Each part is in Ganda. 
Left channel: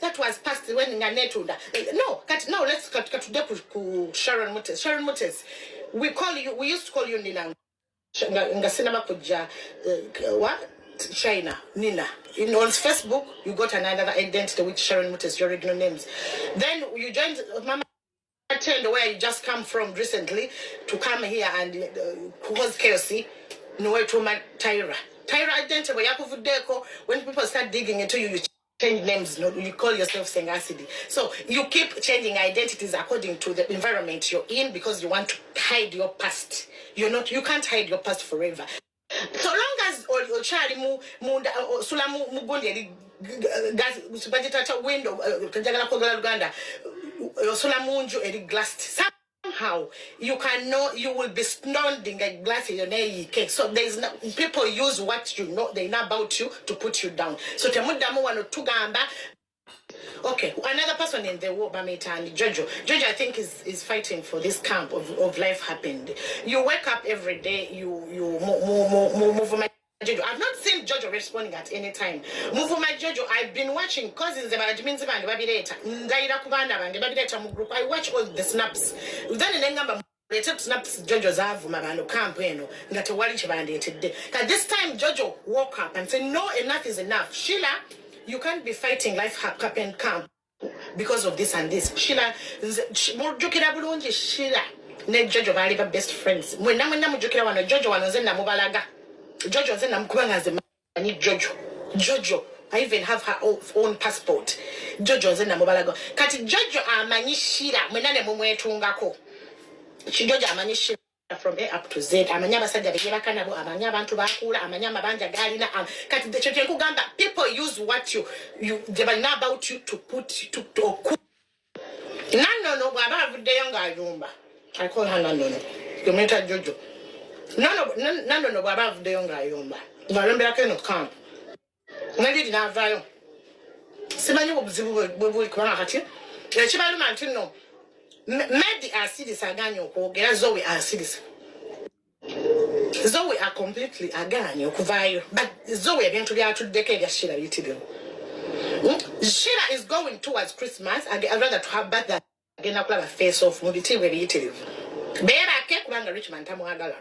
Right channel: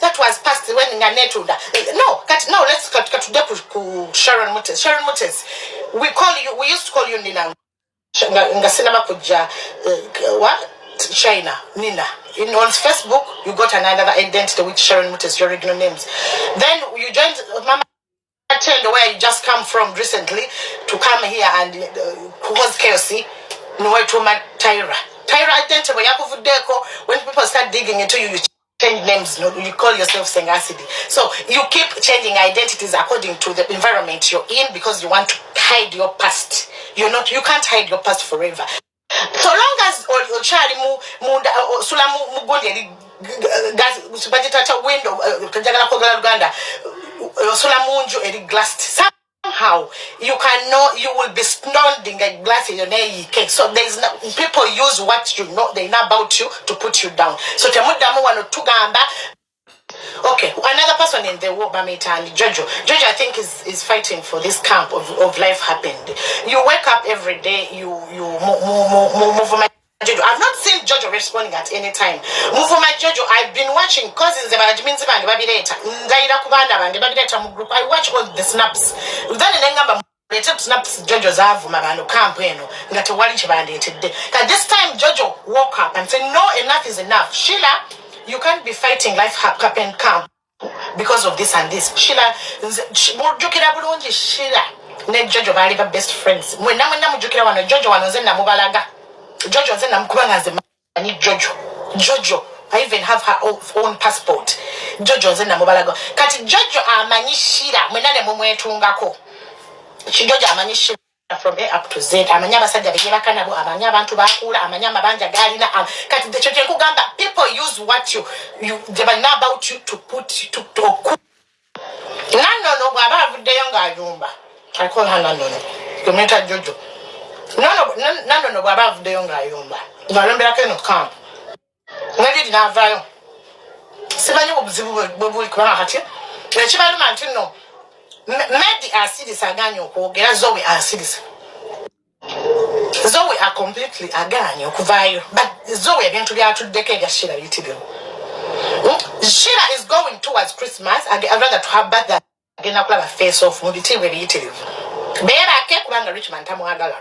that was past when Nganetunda. No, let's cut to Sharon Mutes. Sharon Mutes, we used to call you Nina. Ngasinama kuja what? China, Nina. On Facebook, you got another identity with Sharon Mutes, your original names. Then you joined Mama Tendo, where you just come from recently, to come here and who was KOC, no way to my Tyra. Tyra identity, when people start digging into you, you change names, you call yourself Sengasidi. So you keep changing identities according to the environment you're in because you want to hide your past. You can't hide your past forever. So long as Ochari Munda Sulamu Mugundi gas budget window Kajala Kogala Uganda Sulamunju Eri glass somehow you will be snonding a glass in your cake. So there's no people use what you know they know about you to put you down. So Temudamu wano tugamba. Okay, another person in the war, Bamita and Jojo. Jojo, I think, is fighting for this camp of life happened. You wake up every day, you move my Jojo. I've not seen Jojo responding at any time. Move my Jojo, I've been watching cousins about Jiminzi and Babyleta. Ndaira Kubanda and Babyleta group. I watch all the snaps. Then they took snaps Jojo's Avumano campaign. That a wali chibandi today. This time Jojo woke up and said, no, enough is enough. Sheila, you can't be fighting life happen camp because of this and this. Sheila, Sheila, ne Jojo bali best friends. When mujukira wano Jojo wano zenna mubalaga. Jojo zenna mukubanga ze mani Jojo. I even have her own passport. Jojo zenna mubalaga. Kati Jojo amanyi Sheila mwenane mumwetungako. Jojo amanyi Sheila from A up to Z. Amanya basajja bigera kanabo, amanya abantu bakula, amanya mabanja galina. Kati the church kugamba people use what they know about you to put to no baba vudeyo ngayumba. I call her Nanono. Cometa Jojo. No baba vudeyo ngayumba. Ngalembera keno camp. Ngadi dina vayo. Simanyi obuzibu bwe kubanga kati. Ekibalu mantino. Medi acids aganyo kwogera Zoe acids. Zoe are completely aganyo kuvayo. But Zoe again to be out to decade Sheila yitibyo. Sheila is going towards Christmas. I'd rather to have better again a face off mubiti we yitibyo. Bera ke kubanga Richmond tamwagala.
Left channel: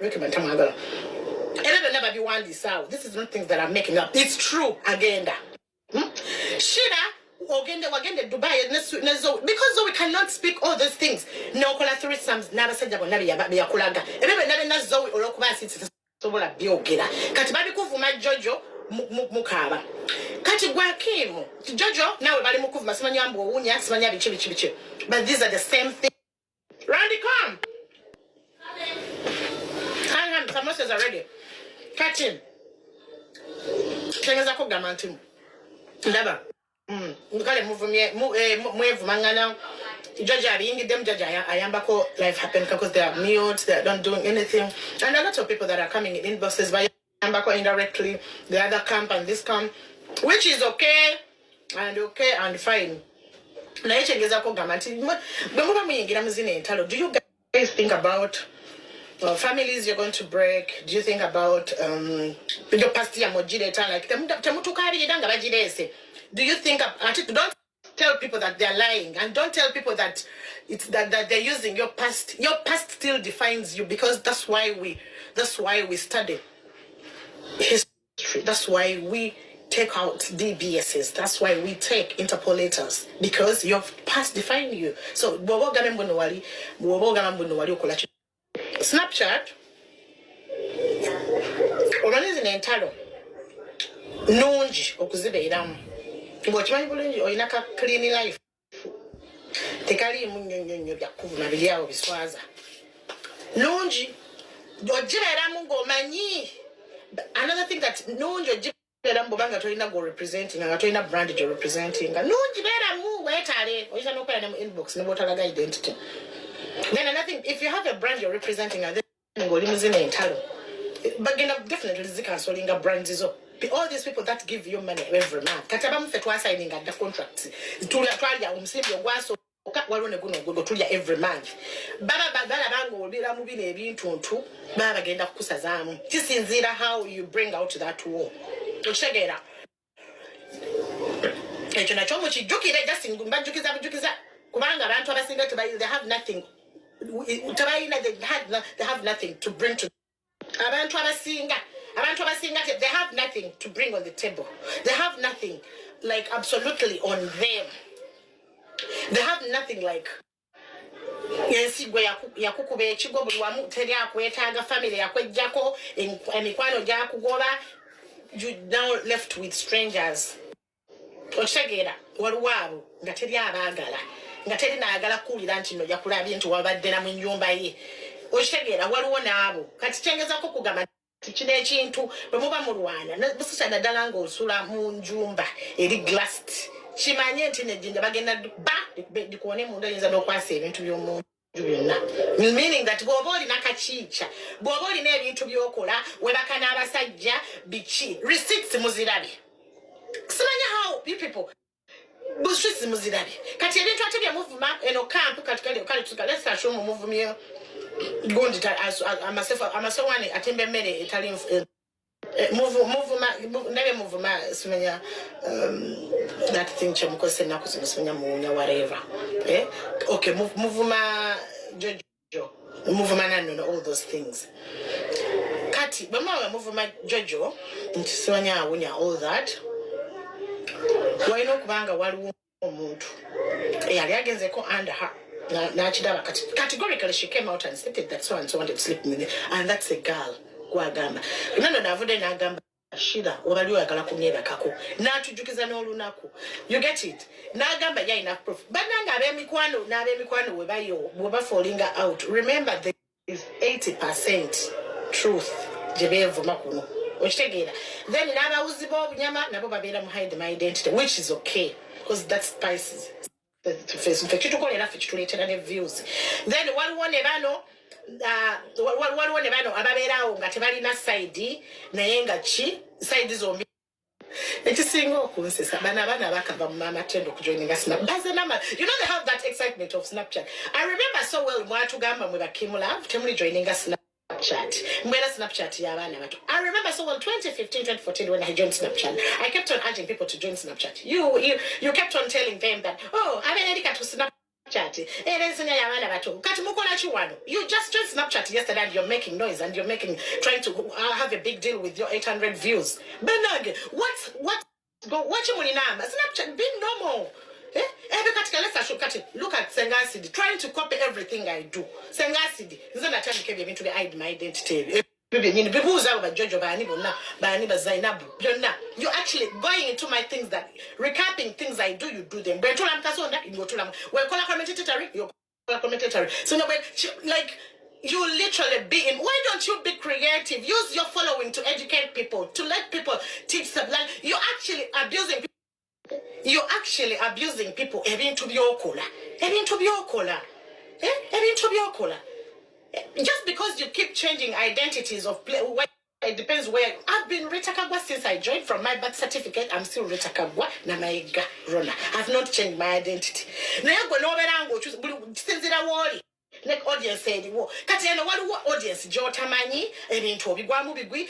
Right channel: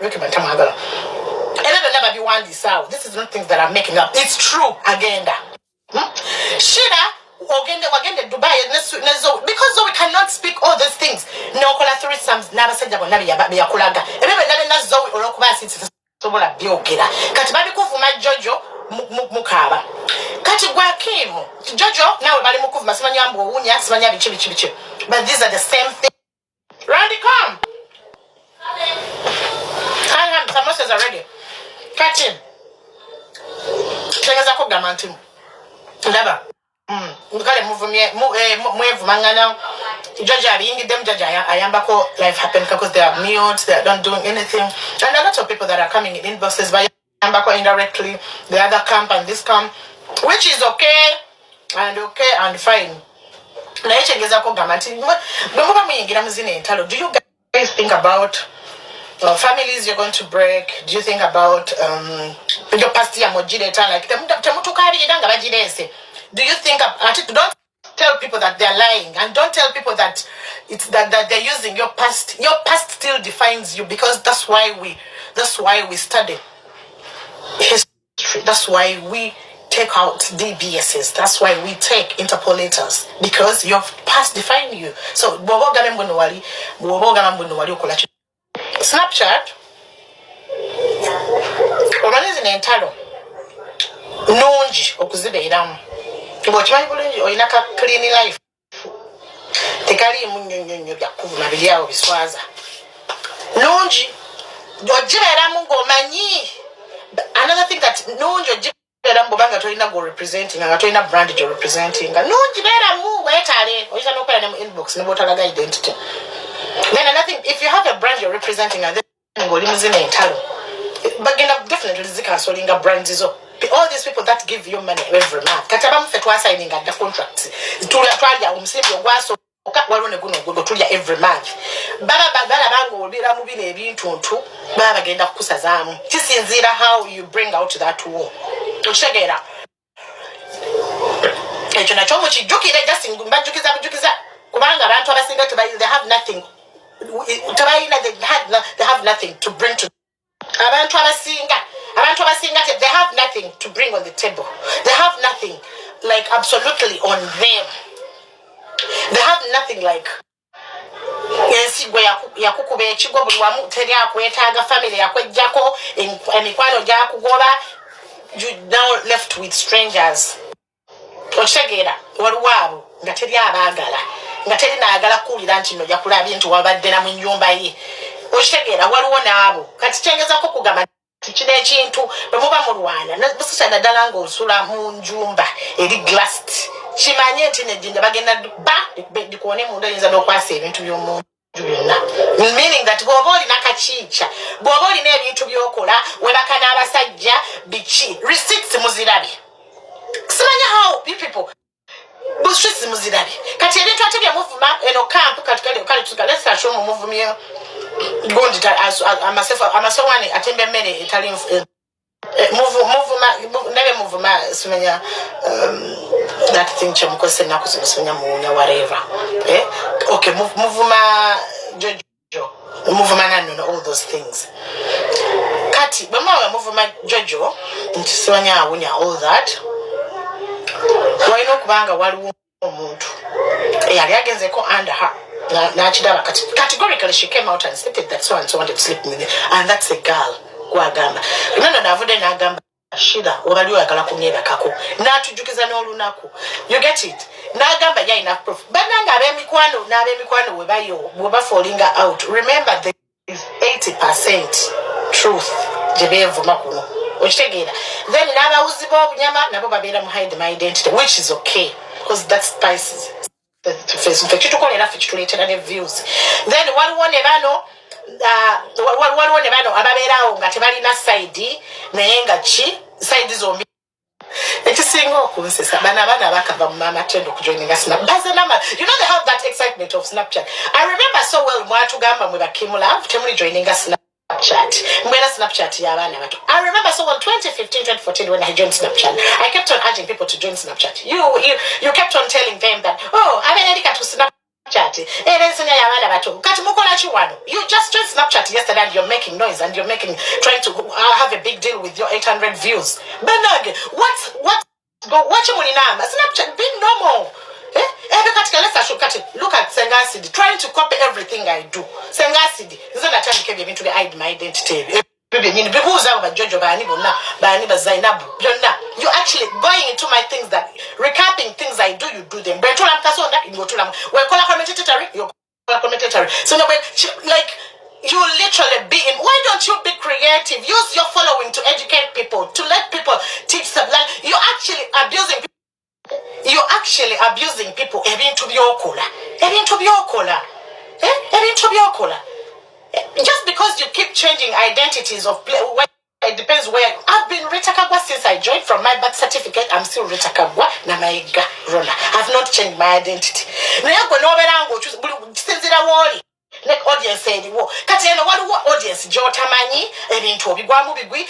Never be one this out. This is not things that I'm making up. It's true agenda. Sheila wagende Dubai because we cannot speak all those things. No kola three sums nabasajja bonna byakulaga. Ebebe nabe nazo olokuba sitsi sobola byogera. Kati babi kuvuma Jojo mukaba. Kati gwa Kim Jojo nawe bali mukuvuma simanya mbo wunya simanya bichi. But these are the same thing. Randy come. Hi, samosas are ready. Catch him. Tengaza ko gamantimu. Ndaba. Mukale mwevu mangana Georgia being them Georgia ayambako life happen because they are mute, they are not doing anything. And a lot of people that are coming in inboxes by ayambako indirectly, the other camp and this camp, which is okay and fine. Na yechengeza ko gamanti bwemuba muyingira muzine entalo. Do you guys think about families you're going to break? Do you think about your past year mojileta like temutukari idanga bajirese? Do you think don't tell people that they're lying and don't tell people that it's that they're using your past. Your past still defines you because that's why we study history. That's why we take out DBSs. That's why we take interpolators because your past defines you. So Snapchat organizing entalo nungi okuzibeeramu. Bochimanyi bulungi olina ka clean life. Tekali munyonyonyo byakuvuma biriawo biswaza. Nungi ojibeeramu ng'omanyi. Another thing that nungi ojibeeramu bobanga tolina go representing nga tolina brand jo representing. Nungi beeramu weetale oyinza n'okola ne mu inbox ne botalaga identity. Then another thing, if you have a brand you're representing, then ng'oli muzina entalo. Bagenda definitely zikasolinga brands izo. All these people that give you money every month. Katabamu fetwa signing the contracts. Tulia umusimbi ogwaso walone guno tulia every month. Baba bango olira mu bine ebintu baba bagenda kukusazaamu. Kisinzira how you bring out that war. Oshegera. ekyo nakyo mukijjukire just mbajjukiza kubanga abantu abasinga they have nothing they have nothing to bring to abantu abasinga they have nothing to bring on the table. They have nothing like absolutely on them. They have nothing like yensigo yakukuba ekigo buli wamu teri akwetaaga family yakwejjako emikwano gyakugoba. You now left with strangers. Okitegeera waliwo abo nga teri abaagala nga teri naagala kuwulira nti nno jakulabye nti wabadde na mu nnyumba ye. Okitegeera waliwo n'abo kati kyengezako kugamba kino ekintu bwe muba mulwana busisa naddala ng'osula mu njumba eri glassed kimanye nti nejjinja bagenda dikuone munda yinza n'okwasa ebintu by'omuntu byonna, meaning that bw'oba olina kakiica bw'oba olina ebintu by'okola webaka n'abasajja biki receipts muzirabye. Simanya how people busisi muzirabye kati ebintu ate bya muvuma eno camp kati kale tukalesa shomu muvumye gondi amasewani atembe mmere etali muvuma simanya that thing chemukose nakusimanya munya whatever okay muvuma jojo muvuma nano all those things kati bamawe muvuma jojo ntisimanya awunya all that wayino kubanga waliwo omuntu yali agenzeko under her nachidaba categorically she came out and stated that so and so wanted to sleep with me, and that's a girl gwagamba nano navude nagamba shida obali oyagala kunyebakako natujukiza n'olunaku. You get it? Nagamba ya enough proof bananga ab'emikwano weba falling out. Remember there is 80% truth jebevuma kuno okitegeera. Then n'abawuzi b'obunyama nabo babeera mu hide my identity, which is okay because that spices the face. Kitukolera ffe kituleetera ne views. Then waliwo ne bano ababeerawo nga tebalina side naye nga ki side zombi. Ekisinga okunsesa abaana bakava mu Mama Tendo okujoininga Snap. You know they have that excitement of Snapchat. I remember so well mwatugamba mwe bakimula temuli joininga Snapchat. Mwera Snapchat y'abaana bato. I remember so well 2015, 2014 when I joined Snapchat. I kept on urging people to join Snapchat. You kept on telling them that, oh, abeerika to Snapchat. You just joined Snapchat yesterday and you're making noise and you're trying to have a big deal with your 800 views. Benage, what Snapchat being normal. Look at Sengasidi trying to copy everything I do. Sengasidi is not a time to be hide my identity. You're actually going into my things that recapping things I do, you do them. So no, like you literally be in. Why don't you be creative? Use your following to educate people, to let people teach them. Like you're actually abusing people. Even to be okola. Just because you keep changing identities of it depends where. I've been Rita Kagwa since I joined. From my birth certificate, I'm still Rita Kagwa Namaiga Rona. I've not changed my identity. Like audience said, what audience? Jotamani, and into Bigwamu Bigwi.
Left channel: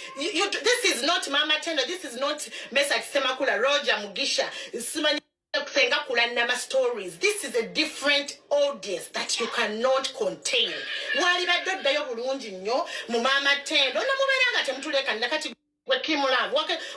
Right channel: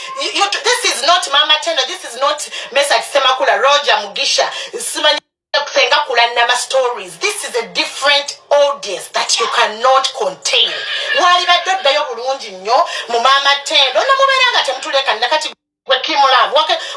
This is not Mama Tendo, this is not Message Semakula Roger Mugisha, Simani Sengakula stories. This is a different audience that you cannot contain. Wali badda yo bulungi nnyo mu Mama Tendo no muberanga temutuleka nakati Kimula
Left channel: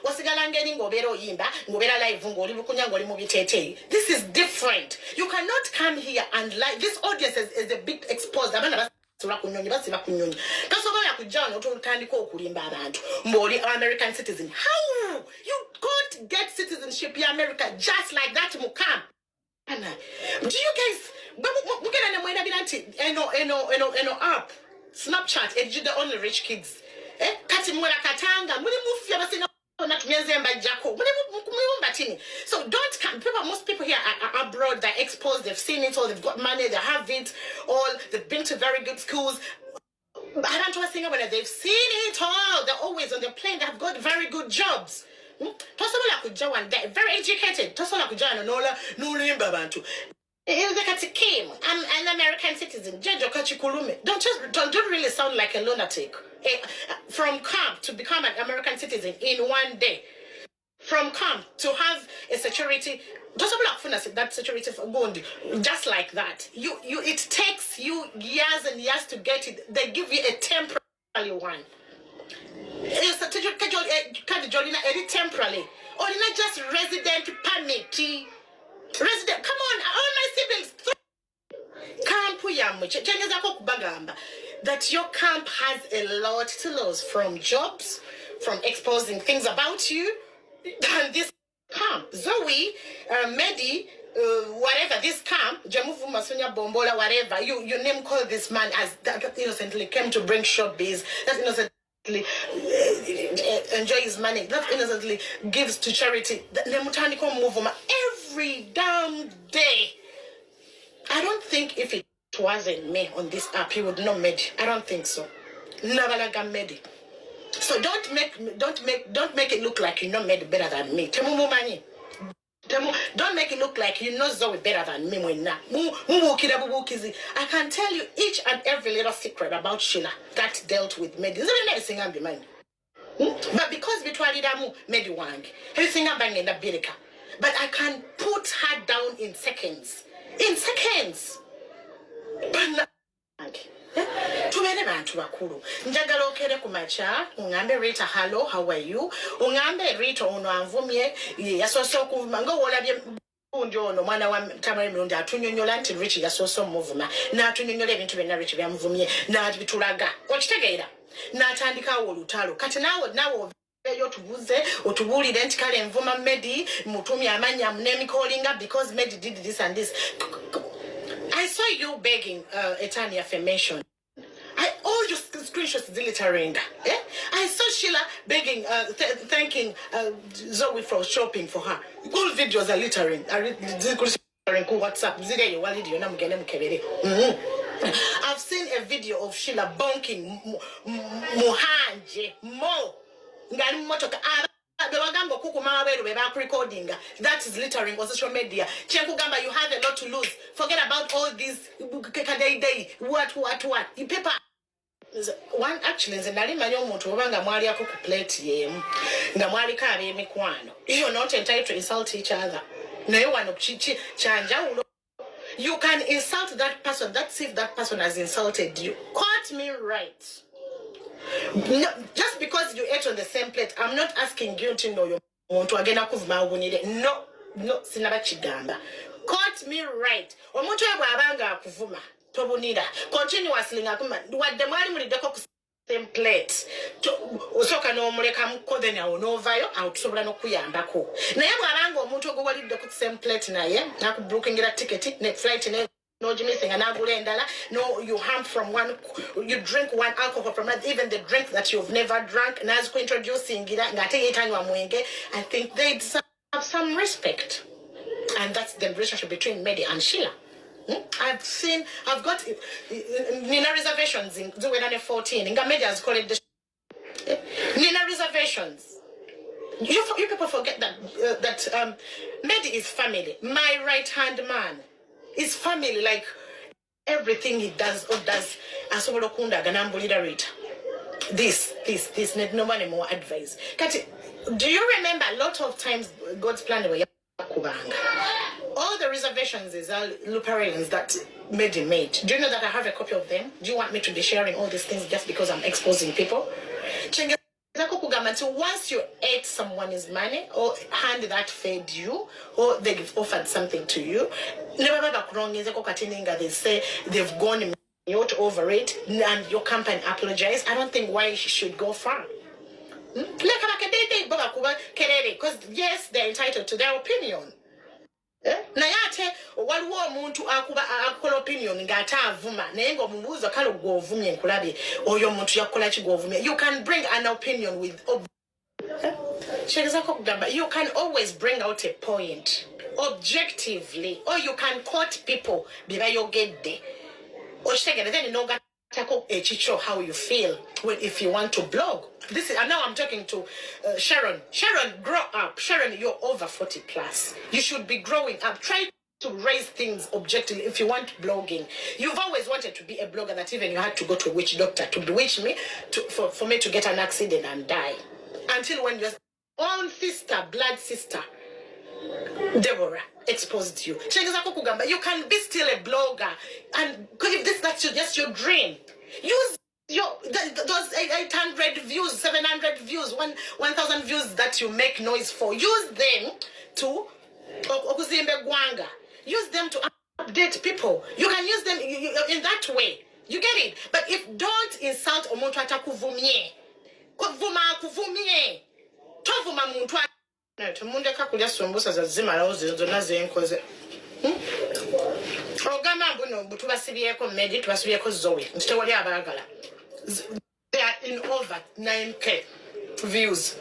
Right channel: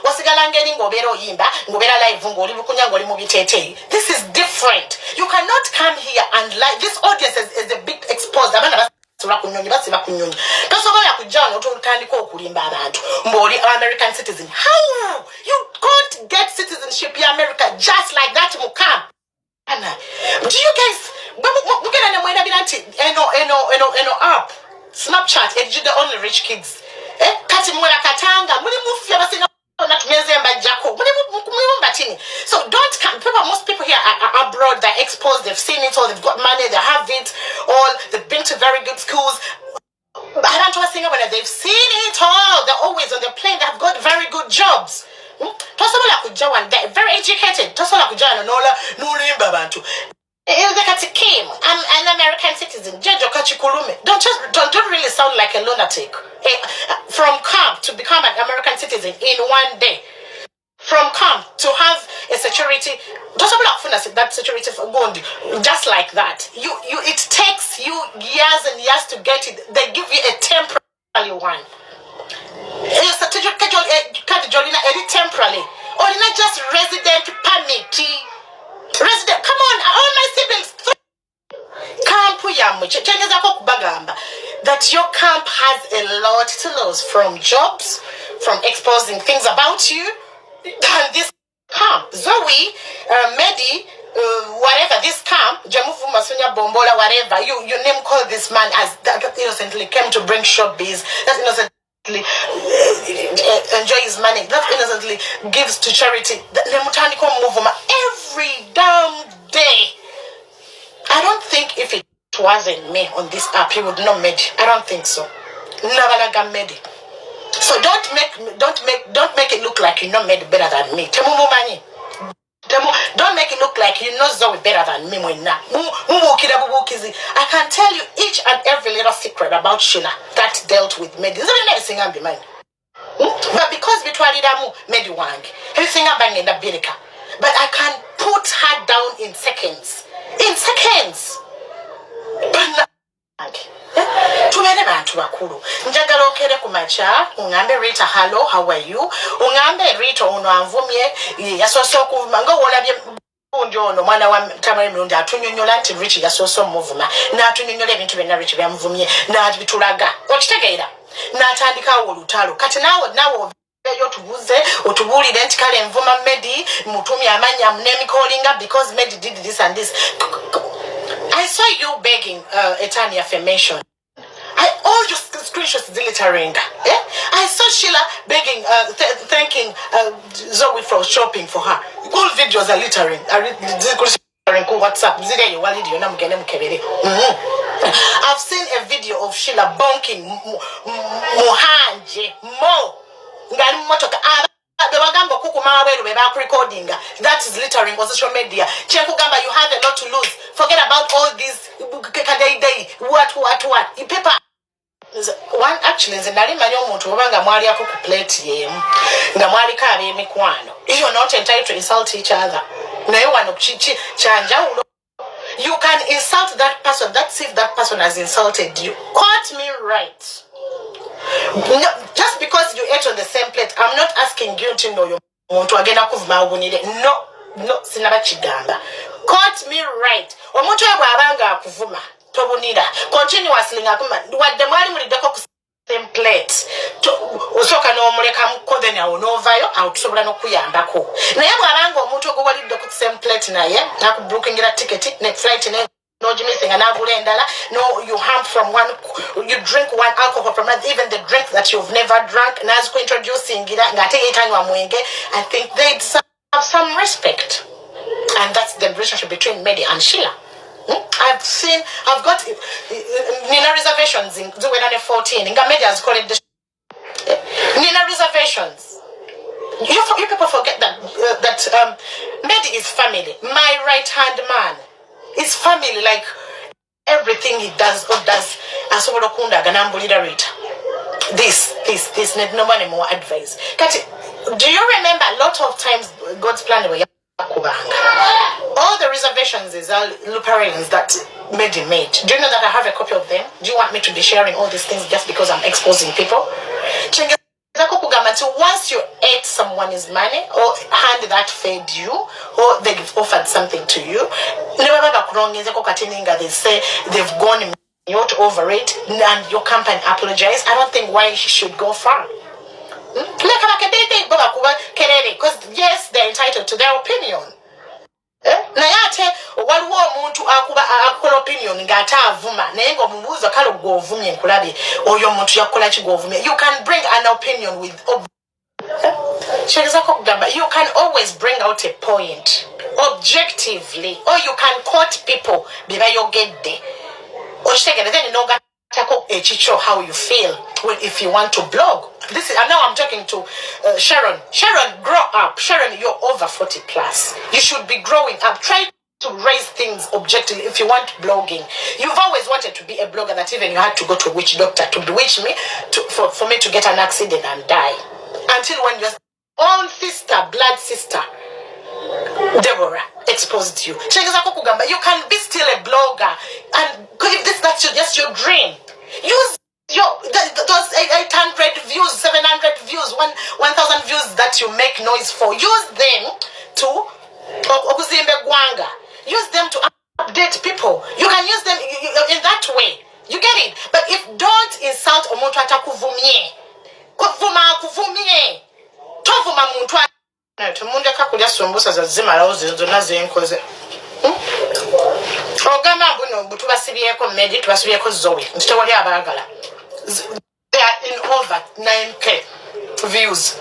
wasigala ngeri ng'obeera oyimba ng'obeera live ng'oli bukunya ng'oli mu biteeteeyi. This is different. You cannot come here and lie. This audience is a bit exposed. Abaana basula ku nnyonyi basiba ku nnyonyi. Tosobola kujja wano otandika okulimba abantu ng'oli American citizen. How? You can't get citizenship in America just like that mukam. Anna, do you guys mugenda ne mwerabira nti eno app Snapchat is the only rich kids. Kati mwera katanga muli mufya basina na tumenze mbajako muli batini. So don't come. Most people here are abroad, they're exposed, they've seen it all, they've got money, they have it all, they've been to very good schools. They've seen it all, they're always on the plane, they've got very good jobs. They're very educated. I'm an American citizen. Don't really sound like a lunatic. From camp to become an American citizen in one day. from camp to have a security. That security for Gondi, just like that. It takes you years and years to get it. They give you a temporary one. It's a temporarily. Or not just resident permit. Resident, come on, all my siblings. That your camp has a lot to lose from jobs, from exposing things about you, than this camp. Zoe, Medi, whatever, this camp, Jamufu Masunya Bombola, whatever, you name call this man as that innocently came to bring showbiz, that innocently enjoy his money, that innocently gives to charity. Every damn day. I don't think if it wasn't me on this app, he would not made. I don't think so. Never made it. So don't make it look like you not made better than me. Don't make it look like you know Zoe better than me. I can tell you each and every little secret about Sheila that dealt with Medi. Everything I'm behind. But because we tried it, Medi Wang, everything I'm banging the Birika. But I can put her down in seconds. In seconds. Tumene bantu bakulu njagala okere ku macha ungambe Rita hello how are you ungambe Rita ono anvumye yasoso okuvuma nga wolabye undi ono mwana wa Tamari Mirundi atunyonyola nti Rich yasoso muvuma na atunyonyola ebintu byonna Rich byamvumye na bitulaga okitegeera na atandika olutalo kati nawo yo tubuze otubulire nti kale envuma Medi mutumi amanya mnemi callinga because Medi did this and this. I saw you begging Etania affirmation. All your screenshots glittering. Yeah? I saw Sheila begging, thanking Zoe for shopping for her. All videos are littering. WhatsApp. I've seen a video of Sheila bonking Mohanje Mo. Recording that is littering on social media. Chenku Gamba, you have a lot to lose. Forget about all these what. You paper one actually is nali manyo omuntu obanga mwali ako ku plate ye nga mwali ka mikwano. You're not entitled to insult each other. Naye wano chanja you can insult that person. That's if that person has insulted you. Quote me right. No, just because you ate on the same plate, I'm not asking you to know your want to again. No, sinaba chigamba. Quote me right. Omuntu abanga kuvuma tobunira continuously ngakuma wadde mwali mulideko ku same plate osoka no muleka mukode na onovayo autusobola nokuyambako naye bwabanga omuntu ogwalidde ku same plate naye nakubookingira ticket ne flight ne no missing an no, you harm from one, you drink one alcohol from that, even the drink that you've never drunk. Introducing I think they deserve some respect. And that's the relationship between Medi and Sheila. I've got Nina reservations in 2014. Medi has called it the Nina reservations. You people forget that Medi is family. My right hand man. It's family, like everything he does or does. Asobolo kunda ganambulira Rita. This, nobody more advice. Kati, do you remember a lot of times God's plan were kubanga? All the reservations is all luparins that Medi made. Do you know that I have a copy of them? Do you want me to be sharing all these things just because I'm exposing people? Once you ate someone's money or hand that fed you or they've offered something to you, they say they've gone over it and your company apologize. I don't think why she should go far. Because yes, they're entitled to their opinion. Nayate waliwo omuntu akola opinion ngata avuma naye ngo mumubuzo kale govumye nkulabe oyo omuntu yakola kigovumye. You can bring an opinion with you can always bring out a point objectively, or you can quote people biba yogedde okitegere then noga how you feel if you want to blog. This is, and now I'm talking to Sharon. Sharon, grow up. Sharon, you're over 40 plus. You should be growing up. Try to raise things objectively if you want blogging. You've always wanted to be a blogger that even you had to go to a witch doctor to bewitch me for me to get an accident and die. Until when you're own sister, blood sister, Deborah, exposed you. You can be still a blogger, and if that's just your dream, use those 800 views, 700 views, 1,000 views that you make noise for. Use them to use them to update people. You can use them in that way. You get it? But if don't insult omuntu atakuvumye. Kuvumye. Tovuma muntu tumundeka kulya sombusa za zimalawo zonna zenkoze. Ogamba mbuno tubasibyeko Medi, tubasibyeko Zoe. Ntitewali abaagala. They are in over 9K views.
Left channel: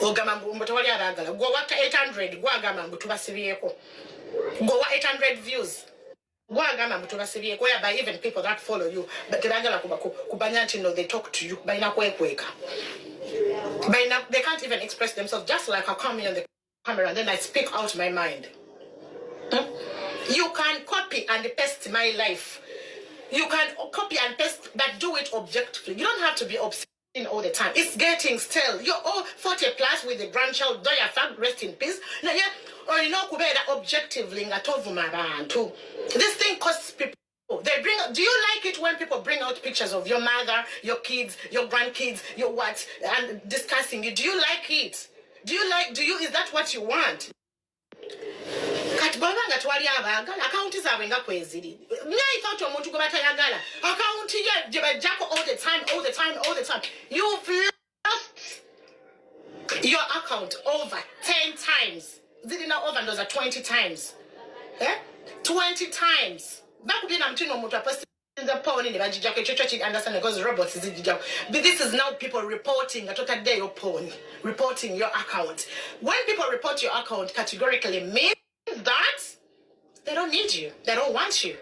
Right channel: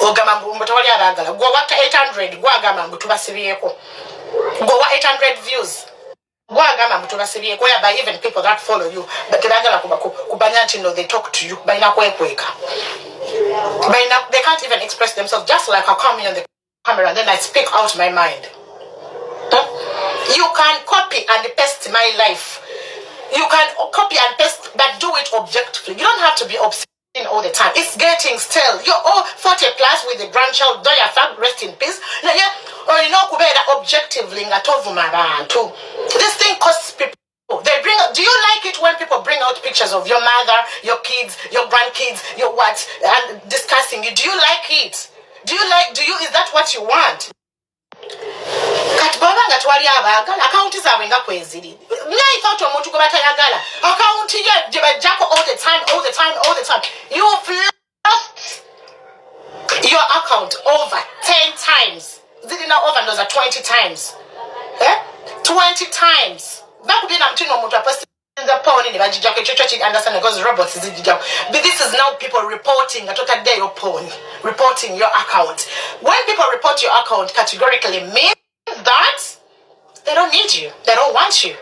Ogamba mbu tewali abaagala. Gwe wa 800 gwagamba mbu tubasibyeko. Gwe wa 800 views. Gwagamba mbu tubasibyeko. By even people that follow you. But tebagala kubanya nti no, they talk to you. Balina kwekweka. They can't even express themselves, just like I come in on the camera and then I speak out my mind. You can copy and paste my life. You can copy and paste, but do it objectively. You don't have to be obsessing all the time. It's getting stale. You're all 40 plus with a grandchild. Do your fam, rest in peace. Or you know, objectively, this thing costs people. Do you like it when people bring out pictures of your mother, your kids, your grandkids, your what, and discussing it? Do you like it? Is that what you want? Katbanga twali abagala account zaabwe nga kweziri. Naye thought omuntu gwe batayagala. Account ye gye bajjako all the time. You've lost your account over 10 times. Zilina over those are 20 times. 20 times. Bakubina mtino omuntu apost the phone in the bajijako chocho understand because robots is dijako. But this is now people reporting a total day of porn, reporting your account. When people report your account categorically means that they don't need you. They don't want you.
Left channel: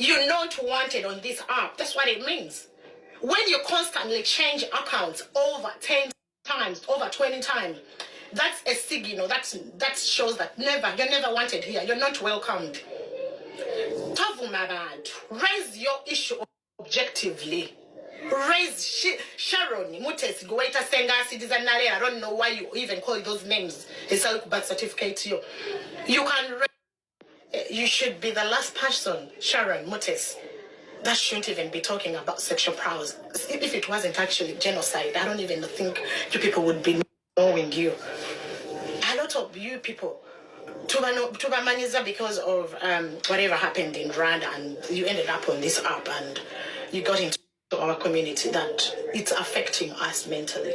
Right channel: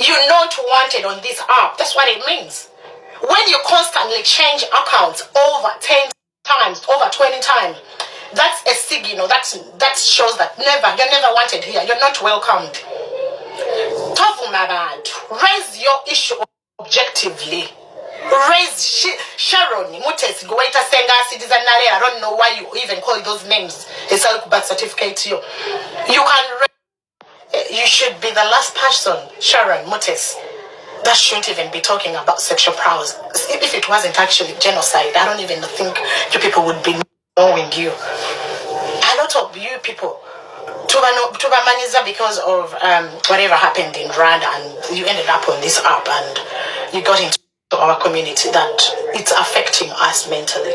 You're not wanted on this app. That's what it means. When you constantly change accounts over 10 times, over 20 times, that's a signal. That shows that you're never wanted here. You're not welcomed. Raise your issue objectively. Raise Sharon, Mutes, Goeta Senga, Citizen Nale. I don't know why you even call those names. It's a birth certificate to you. You should be the last person, Sharon Mutes, that shouldn't even be talking about sexual prowess. If it wasn't actually genocide, I don't even think you people would be knowing you. A lot of you people Tubamaniza because of whatever happened in Rwanda, and you ended up on this app and you got into our community, that it's affecting us mentally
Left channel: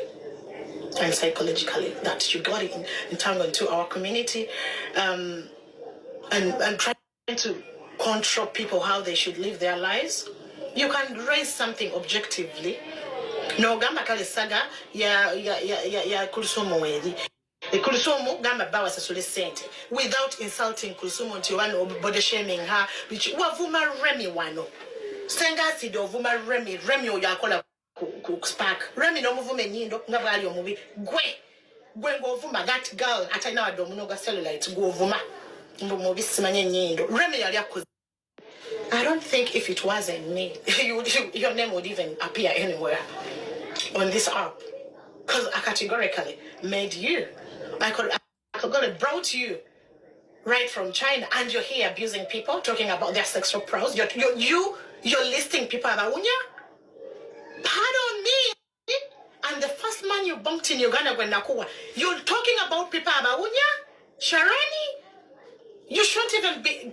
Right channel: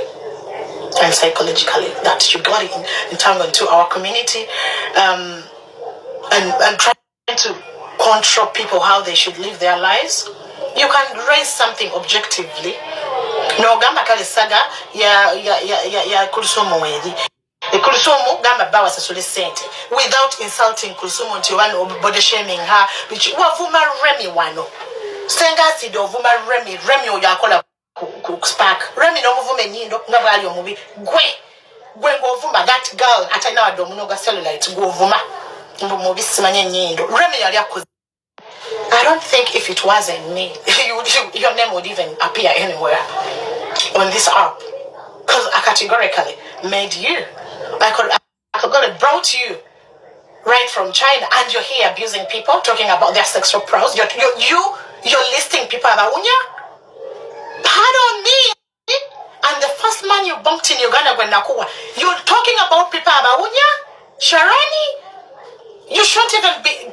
and psychologically, that you got entangled into our community and trying to control people how they should live their lives. You can raise something objectively. No gamba kale saga ya Kulusumu wedi. Kulusumu gamba bawa sasule sente without insulting Kulusumu nti wano body shaming her, which wavuma Remy wano senga sido vuma Remy oyo akola ku Spark. Remy no muvume nyindo nga bwali omubi gwe ngovuma that girl atalina wadde omunoga cellulite govuma mubi simanye nyindo. Remy yali akoze. I don't think if it wasn't me, your name would even appear anywhere on this app, because I categorically made you. I could have brought you right from China, and you're here abusing people, talking about their sexual prowess. You're listing people about Unya. Pardon me. And the first man you bumped in Uganda, you're talking about people about Unya, Sharani. You shouldn't even be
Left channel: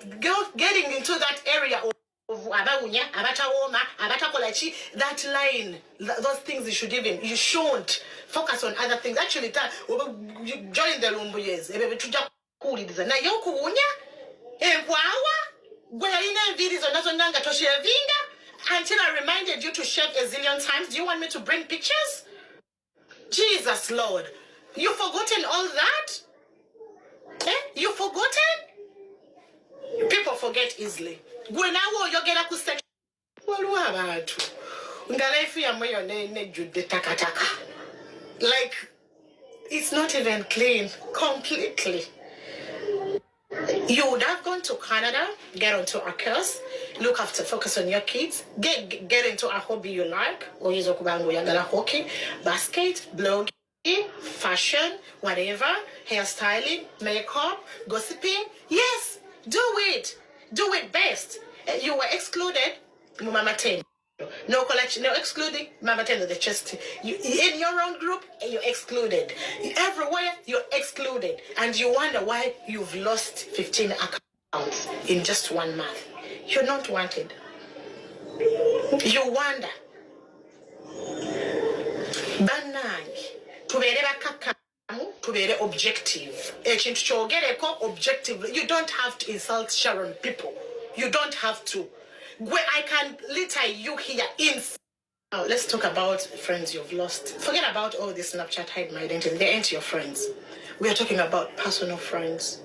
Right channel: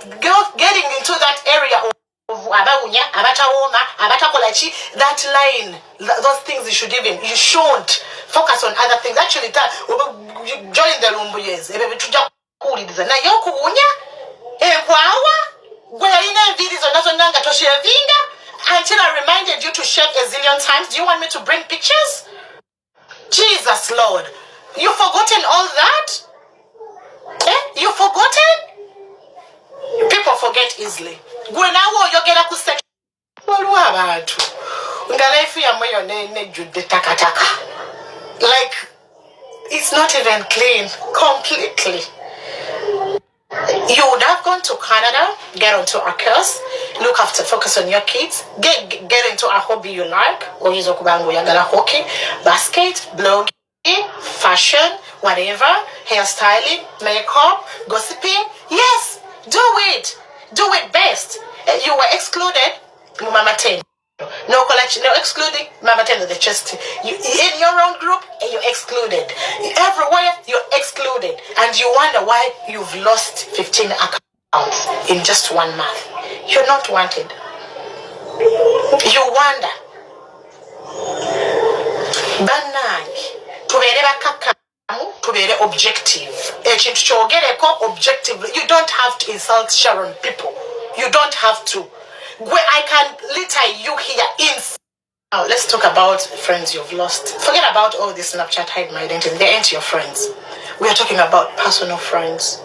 getting into that area of Abaunya, Abatawoma, Abatakolachi, that line, those things you shouldn't focus on other things. Actually, join the Lumbuyes, na yokuunya, until I reminded you to shave a zillion times. Do you want me to bring pictures? Jesus Lord, you've forgotten all that? You've forgotten? People forget easily. Gwenawo yogera ku section. Waliwo abantu nga life yamwe yonna nejjudde takataka. Like, it's not even clean completely. You would have gone to Canada, get onto a course, look after, focus on your kids, get into a hobby you like, or yagala hockey, basket, blogging, fashion, whatever, hairstyling, makeup, gossiping. Yes, do it. Do it best. You were excluded, Mama 10. No collection, no excluding Mama 10 of the chest. You in your own group, you're excluded. Everywhere, you're excluded. And you wonder why you've lost 15 accounts in just 1 month. You're not wanted. You wonder. Banangi. Tubere bakakamu, tubere objective. Ekintu kyogereko objective. You don't have to insult Sharon people. You don't have to. Where I can litter you here in. Now let's talk about friends you've lost. Forget about all this Snapchat hide my identity. They ain't your friends. We are talking about personal friends.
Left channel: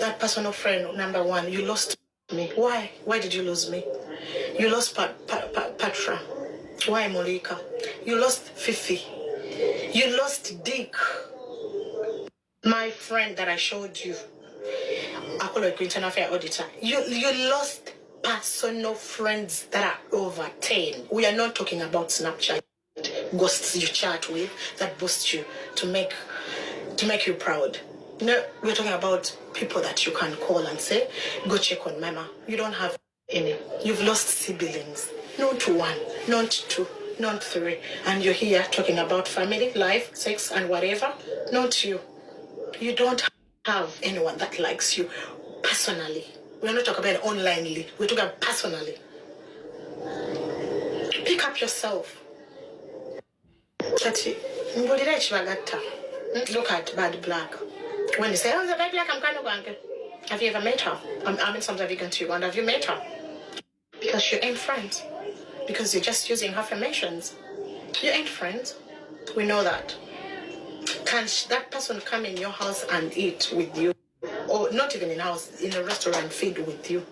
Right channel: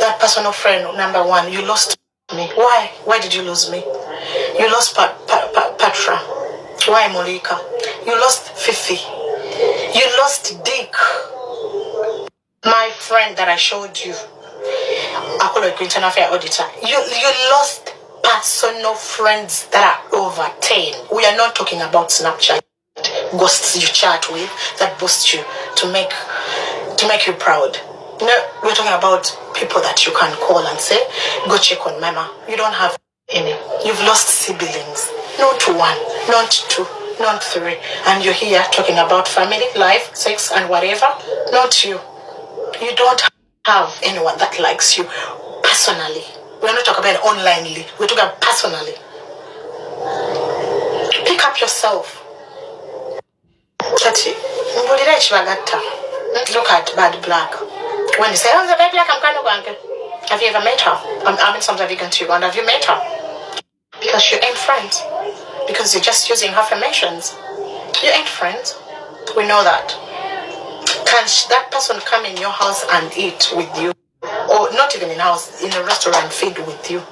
That personal friend, number one, you lost me. Why? Why did you lose me? You lost Patra. Why Molika? You lost Fifi. You lost Dick. My friend that I showed you. I call it internal affair auditor. You lost personal friends that are over 10. We are not talking about Snapchat ghosts you chat with that boost you to make you proud. No, we're talking about people that you can call and say, go check on Mama. You don't have any. You've lost siblings. Not 1, not 2, not 3. And you're here talking about family, life, sex, and whatever. Not you. You don't have anyone that likes you personally. We're not talking about onlinely. We're talking about personally. Pick up yourself. Look at Bad Black. When you say, oh, the Bad Black, I'm kind of going. Have you ever met her? I mean, sometimes you can too. And have you met her? Because you ain't friends. Because you're just using affirmations. You ain't friends. We know that. Can that person come in your house and eat with you? Or not even in house, in a restaurant, feed with you?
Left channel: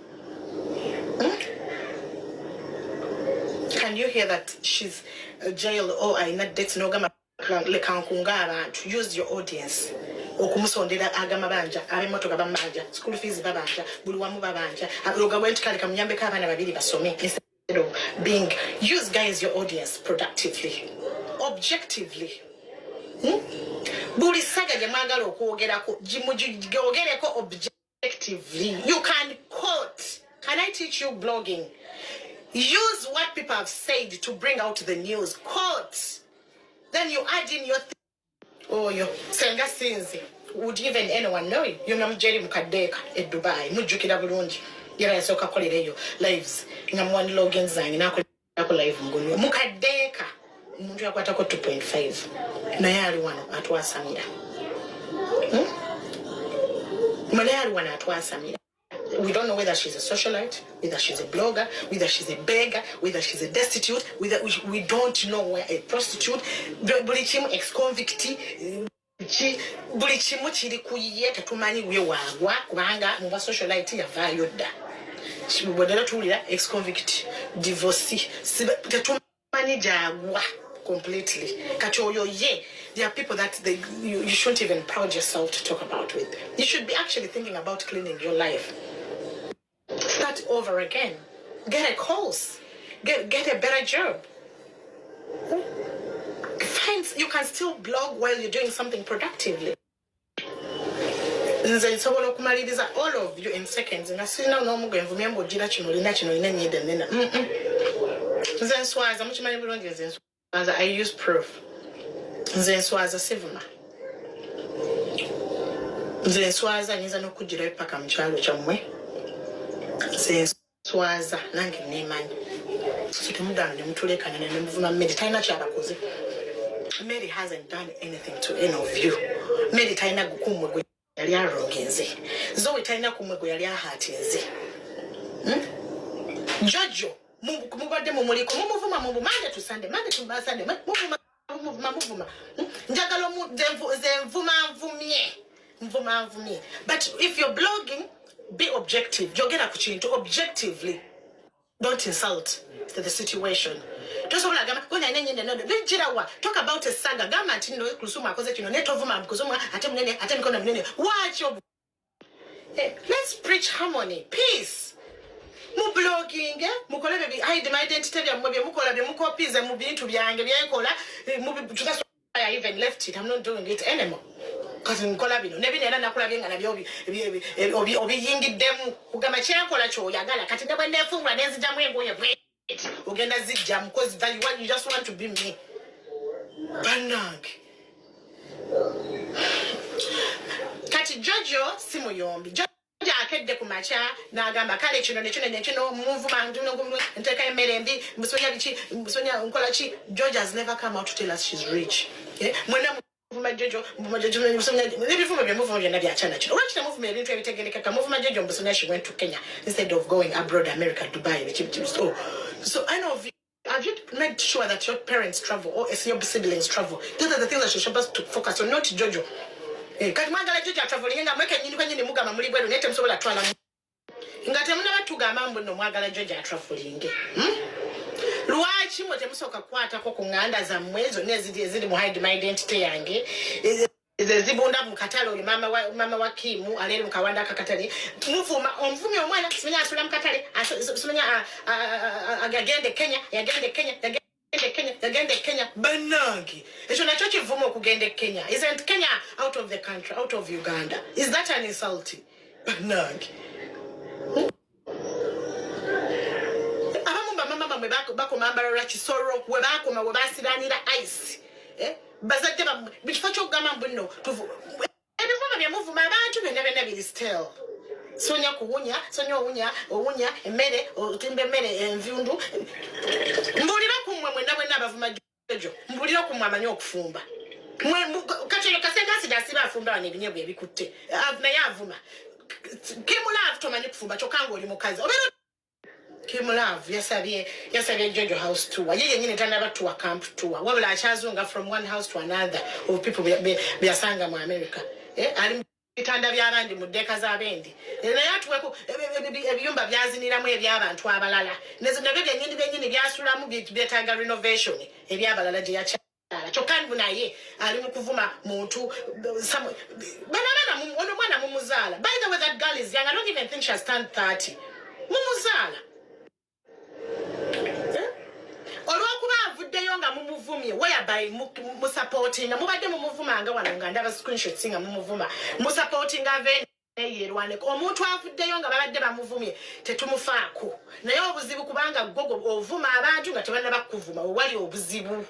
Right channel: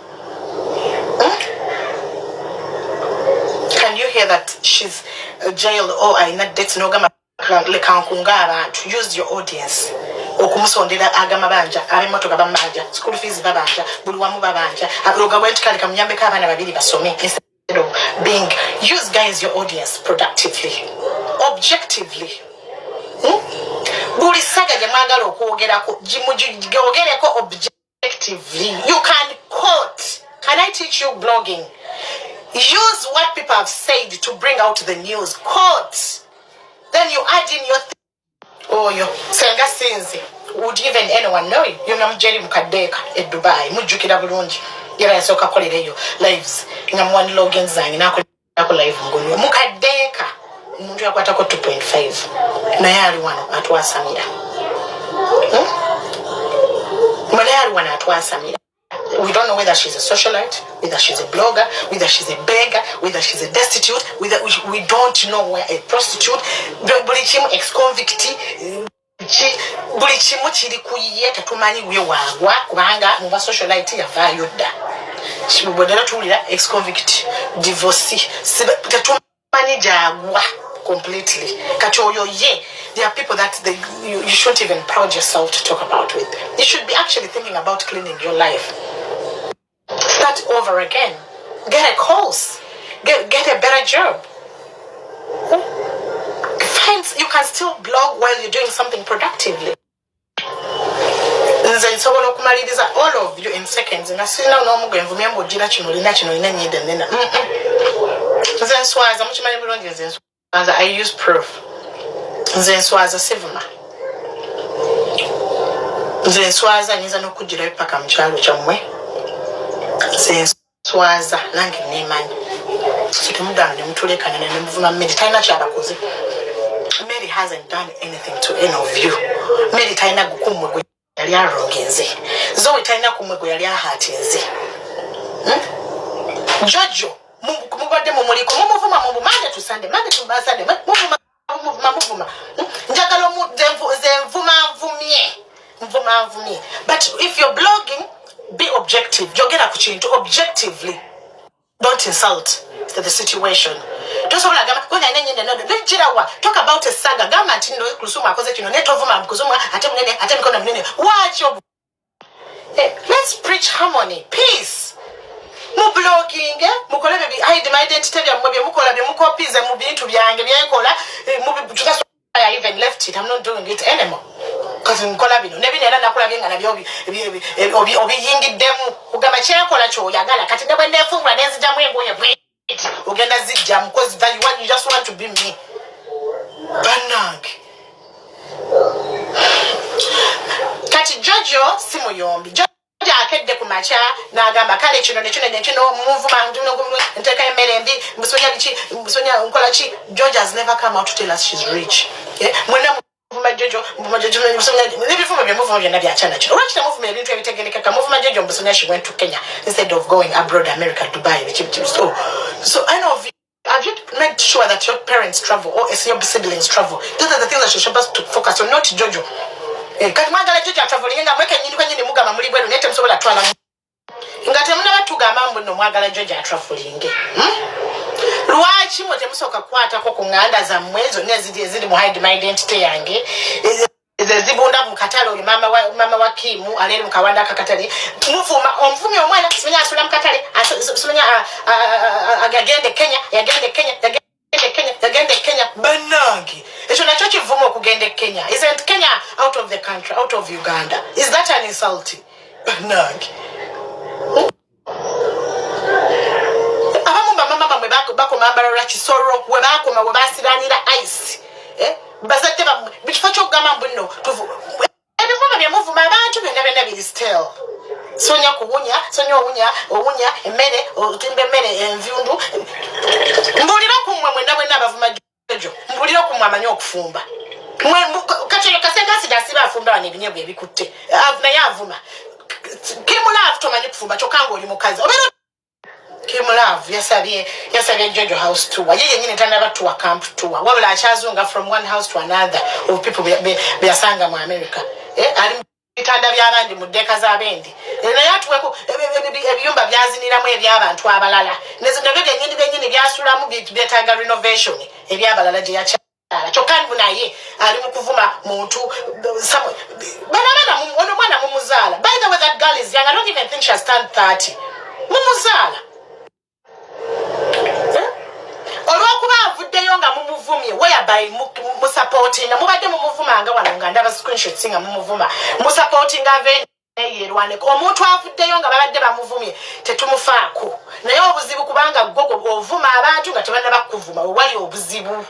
Can you hear that she's jailed or in a debt no gama to use your audience? Okumusondera agama banja abimoto gabamanja school fees babanja buli wamu babanja aluga went kali kamnyambe ka abana babiri basome instead of being use guys your audience productively, objectively. Buli saga jamagala okwogerako jimujogereko objectively. You can quote. Can I teach you blogging? Use what people have said to bring out the news. Quote. Then you add in your oh, you senga sinzi. Would even anyone know you? You know Jerry Mukadeka at Dubai. Mujukira bulungi. Yera yasoka kolereyo lives. Ngamwani login zangi nako live ngulu. Mukadeka. Umuntu yakwatako 2.5. Na yali wano atwasamira. Yali wano atwasamira. We don't know whether she's a socialite, whether she's a blogger, whether she's a beggar, whether she's a destitute, whether we don't know where a prostitute, bulichimu ex-convict, bulichimu chiri kuyiye tatumanyi we wagwa kubanga muba socialite yavayo dda. Chibodera tulira ex-convict, divorcee, tatumanyi jagwa completely. Katoyo ye. There are people that you shouldn't even proud yourself to talk about with. You should be actually thinking about cleaning your life. Start over again. Get a course. Get a better job. You can still blog while you're doing something productively. All of you in seconds. I use proof. Nzenswaza sivuma. Nzenswaza niza nokujira paka mchalo chamwe. Nzenswaza nange nemanyi. Situmudane mutulekana ne mvuma Mary taina kyalakoze. Mary hasn't done anything to any of you. Mary taina gukumwe yali arongenze. Zoe taina kumwe yali ahatinze. Jojo mubadde mumuliko mumuvuma mu Monday to Sunday, Monday to Sunday, muvuma njagala mvuma mvumye. But if you're blogging, be objective. Jogera ku kintu objectively. Don't insult the situation. Talk about a saga. Let's preach harmony, peace. Mu blogging, mukole hide my identity bya mukola bya mukopiza mu bintu byange byakola I even left it. I'm not doing it anymore. Because in Colabino, never nakulabing and obi yingi demu, Ugamachia Colacho, Yagala, Katina, when they're full, and then the way going away. Uganda Zijam, because you just want to be me. Banag. Kati Jojo, Simoyombi. Jojo akede kumacha na agamba kale kino movement nteka emerembi musonya nkola chi. Georgia has never come out to tell us she's rich. Mwena movement Jojo musonya before me movement na bya chana kino watch the movement into everything ka movement Jojo musonya she went to Kenya instead of going abroad, America, Dubai. So I know have you made sure that your parents travel or your siblings travel? Those are the things that you're supposed to focus on, not Jojo. Kati mwagala Jojo traveling nga mweke nyini kwenye mugama muri bweru nete msobola twala ngate muna batugamba mbuno mwagala Jojo traveling. Lwaki mwote musoka kwata ko kunganda za mwezo nezidi mu hide my identity yange ezibunda mu katale oli mama wa Kimu aleli mu kawanda akakatale muvuma omvumi omwana simenya asula mu katale simenya agagende Kenya yagende Kenya banangi ekyo nakyo kivumo okugende Kenya. Isn't Kenya out of the country, out of Uganda? Is that an insult? Banangi mama mwe bako mambara kisoro we bako we basiranira ice bazadde bifacho kugamba mbuno tuvu ebivuma bya muvuma abantu bena bili still sonya owunya emmere otimbe emmere envyundu mbulira kumwe mwenda bwena abavuma Jojo mbulira kumwe amanyi okufumba kachero kasenga sidasiba afumba bane binyebwe ebikutte naye avuma Kimulavu tomanyi kufumba kyokanga oli mukazi obera Kimulavu yasabye Jojo house tour. Yeye nyine tanda tour camp tour. Wabula achazunga from one house to another of people byasanga mu America. Ali bitanda byabandi mu deka za bendi. Na yatuweko ebiyumba byaziniramu ebyabantu abalala. Nezo ndabye nyine byasulamu byetanga renovation ebyabalala je yacha. Chokani bunaye ali mu kuvuma muntu bana mwana mumuzala. By the way, that girl is young. I don't even think she has turned 30. Mumuzala. Olwokuba avuddeyo nga mumuvumye whereby musupporting mubadde mumuvuma nga wano nga ndaba screenshots nga mumuvuma musupporting yerwane omuntu avuddeyo nga babadde bamuvumye tetumufaako naye obuzibu kubanga gogo ovuma abantu nga tebanna bakuvuma wali obuzibu